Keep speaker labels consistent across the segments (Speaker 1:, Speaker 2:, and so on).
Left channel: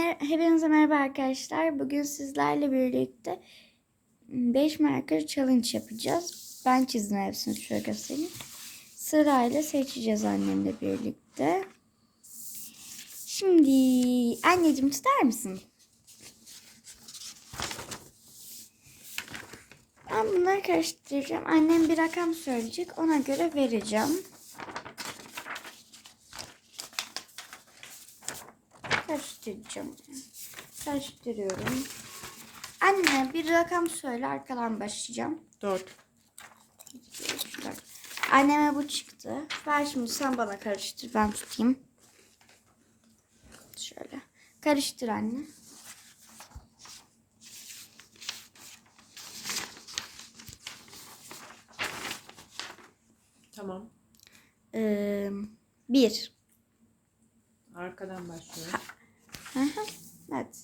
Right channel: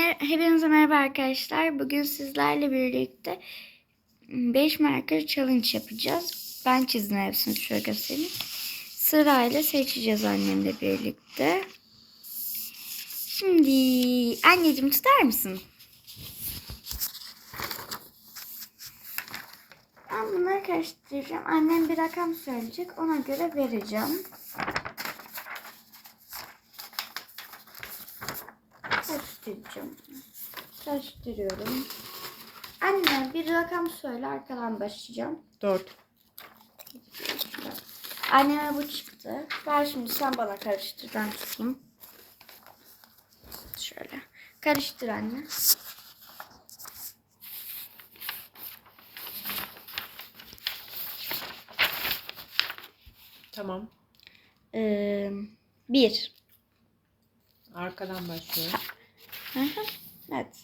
Speaker 1: Hepinize merhaba arkadaşlar. Bugün sizlerle birlikte 5 marker challenge yapacağız. Ben çizdim hepsini şöyle göstereyim. Sırayla seçeceğiz annemle birlikte. Şimdi anneciğim tutar mısın? Ben bunları karıştıracağım. Annem bir rakam söyleyecek. Ona göre vereceğim. Karıştıracağım. Karıştırıyorum. Anne bir rakam söyle arkadan başlayacağım.
Speaker 2: 4.
Speaker 1: Anneme bu çıktı. Ver şimdi sen bana karıştır ben tutayım. Şöyle. Karıştır anne.
Speaker 2: Tamam.
Speaker 1: Ee, bir.
Speaker 2: Arkadan başlıyor.
Speaker 1: Evet.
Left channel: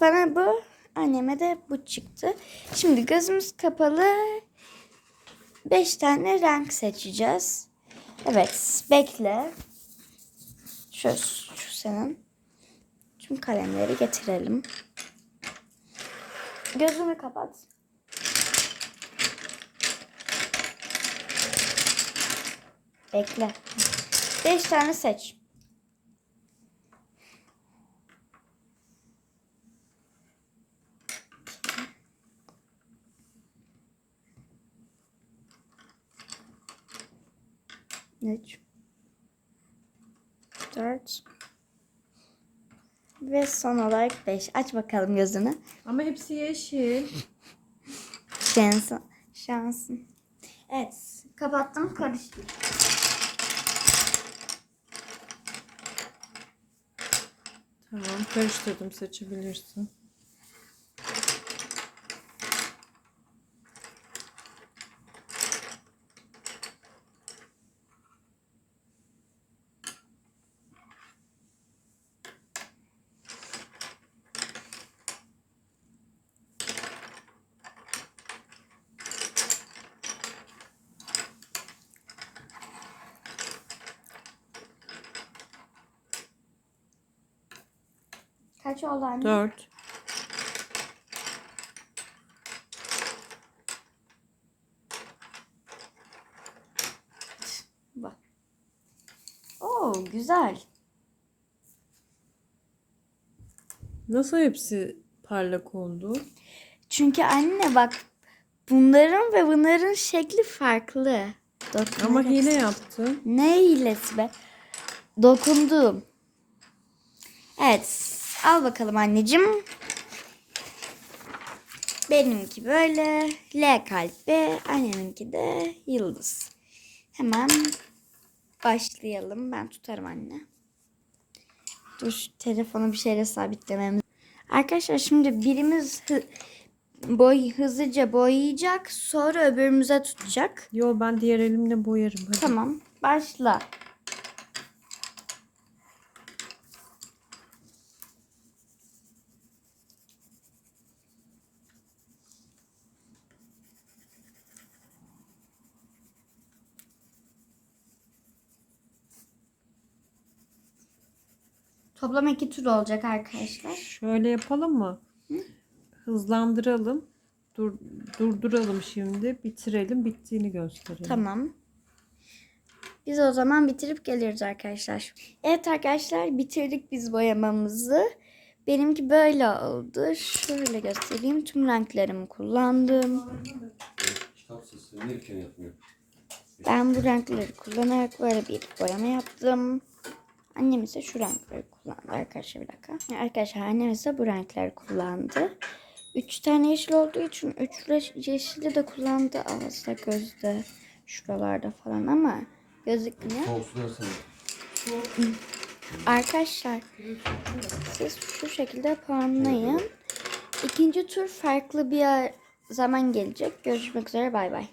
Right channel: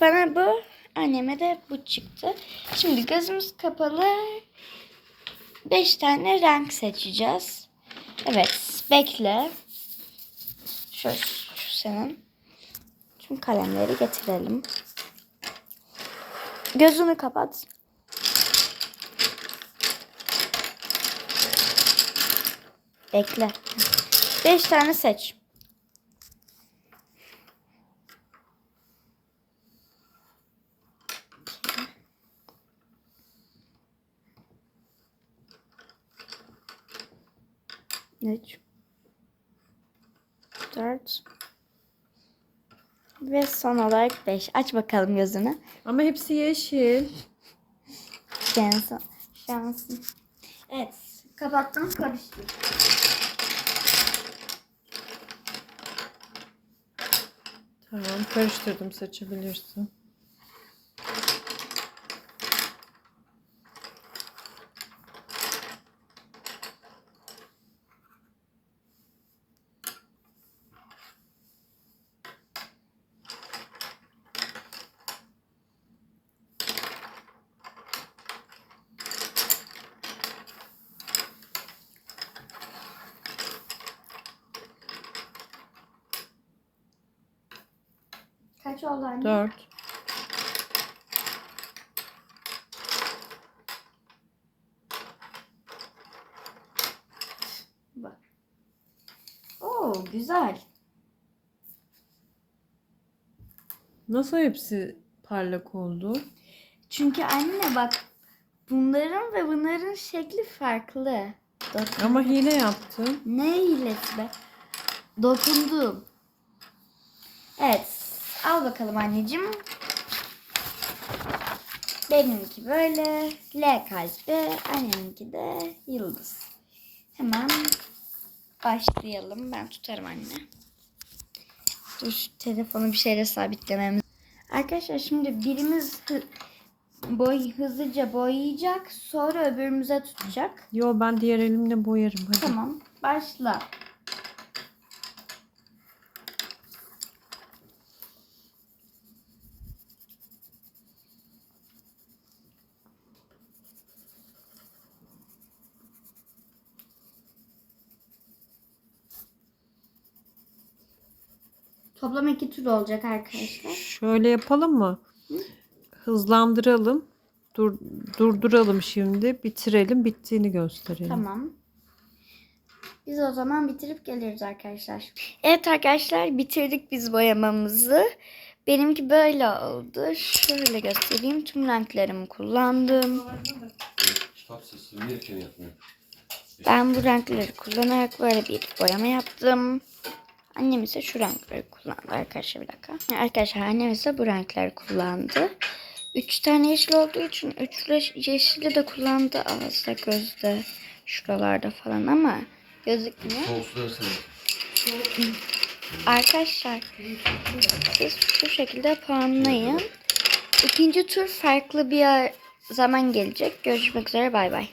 Speaker 1: Bana bu, anneme de bu çıktı. Şimdi gözümüz kapalı. Beş tane renk seçeceğiz. Evet, bekle. Şu, şu senin. Tüm kalemleri getirelim. Gözünü kapat. Bekle. Beş tane seç. Üç. Dört. Ve son olarak beş. Aç bakalım gözünü.
Speaker 2: Ama hepsi yeşil.
Speaker 1: Şansın. Şansın. Evet. Kapattım. Karıştır.
Speaker 2: Tamam karıştırdım seçebilirsin.
Speaker 1: Kaç oldu anne?
Speaker 2: 4.
Speaker 1: Bak. Oo güzel.
Speaker 2: Nasıl hepsi parlak oldu?
Speaker 1: Çünkü anne bak bunların ve bunların şekli farklı. Dokun-
Speaker 2: Ama hile yaptın.
Speaker 1: Ne hilesi be? Dokundum. Evet. Al bakalım anneciğim. Benimki böyle. L kalpli. Anneminki de yıldız. Hemen başlayalım. Ben tutarım anne. Dur şu telefonu bir şeyle sabitlememiz. Arkadaşlar şimdi birimiz hı- boy hızlıca boyayacak. Sonra öbürümüze tutacak.
Speaker 2: Yo ben diğer elimle boyarım. Hadi.
Speaker 1: Tamam. Başla. Toplam iki tur olacak arkadaşlar.
Speaker 2: Şöyle yapalım mı? Hızlandıralım. Dur, durduralım şimdi. Bitirelim. Bittiğini gösterelim.
Speaker 1: Tamam. Biz o zaman bitirip geliriz arkadaşlar. Evet arkadaşlar bitirdik biz boyamamızı. Benimki böyle oldu. Şöyle göstereyim. Tüm renklerimi kullandım. Ben bu renkleri kullanarak böyle bir boyama yaptım. Annem ise şu renkleri kullandı arkadaşlar bir dakika. Arkadaşlar annem ise bu renkleri kullandı. Üç tane yeşil olduğu için üçlü yeşili de kullandı ağızda gözde şuralarda falan ama
Speaker 3: da senin.
Speaker 1: Arkadaşlar siz şu şekilde puanlayın. İkinci tur farklı bir zaman gelecek. Görüşmek üzere bay bay.